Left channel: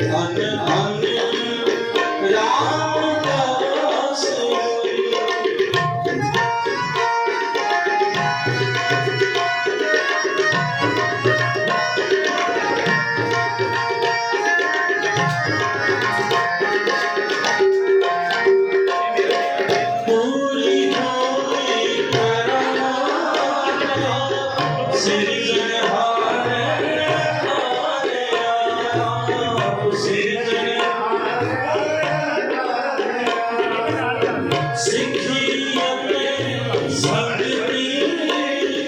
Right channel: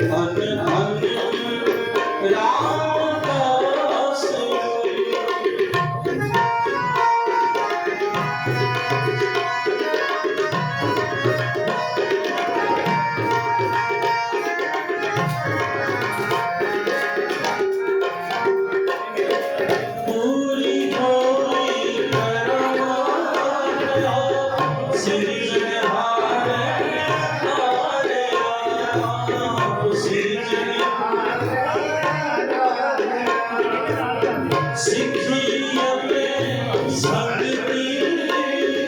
ਪੂਰੀ